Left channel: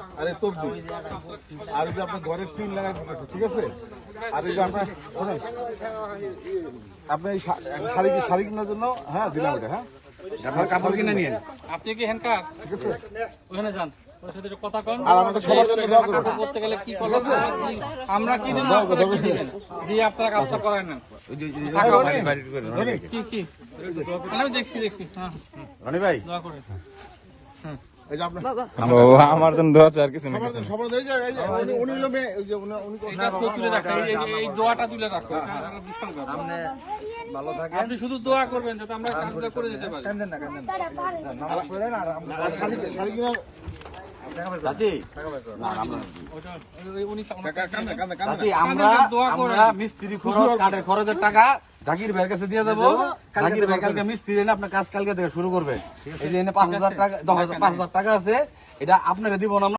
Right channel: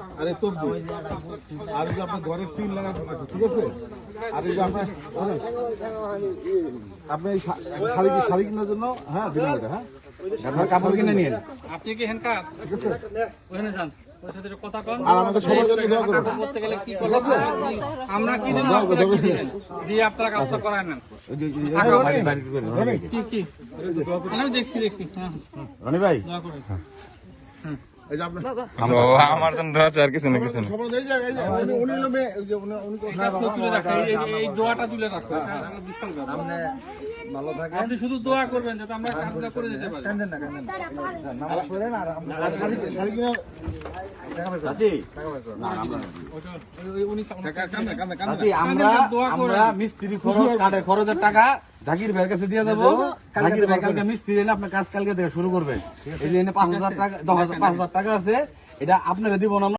আরে তবজি আর এই যে আপনার ঘরের টিন লাগাই দিতেছে, ঠিক আছে? আর এই যে আপনার আপনি শাড়ি কেনার জন্য হ্যাঁ দিলাম ওটা। হ্যাঁ আপনার কাপড় কিনে নিন। আপনি কি হ্যান্ডকার ঠিক আছে। ওখানে যান, ওর সাথে একটু কথা কন। আর আমাদের সবার জন্য দোয়া করুন। করতে গেলে কি করবো আমরা কি দেবো দিয়ে আপনারা কাজ করায় না। কি কি আমি দেখছি হ্যাঁ রনি ভাই দোয়া করে। এই যে আপনার আমার জন্য দোয়া চাই, আর কিছু না কিছু না। সবার এই যে উনি হলো মেয়ে, এই যে উনি এটা তুলে রাখো, এই দোয়াটা তুলে রাখো। বিশাল ব্যাপার। ভালো থাকে। আপনি শুধু দোয়া করবেন যাতে আমরা কাজটা করে যেতে পারি। কান্দেন না নামাজ পড়েন আর শাড়ি কিনা আমরা মিস্ত্রি খরচ কাঠের খরচের টাকা জাকির ভাইয়ের কাছে দিয়ে দেবো। জাকির ভাই কালকে মিস্ত্রি এনে আপনার কাজ কালকে থেকে শুরু করবেন। এই যে 5,000 টাকা 10,000 5,000 টাকা আছে, এটা আপনারা দিব না।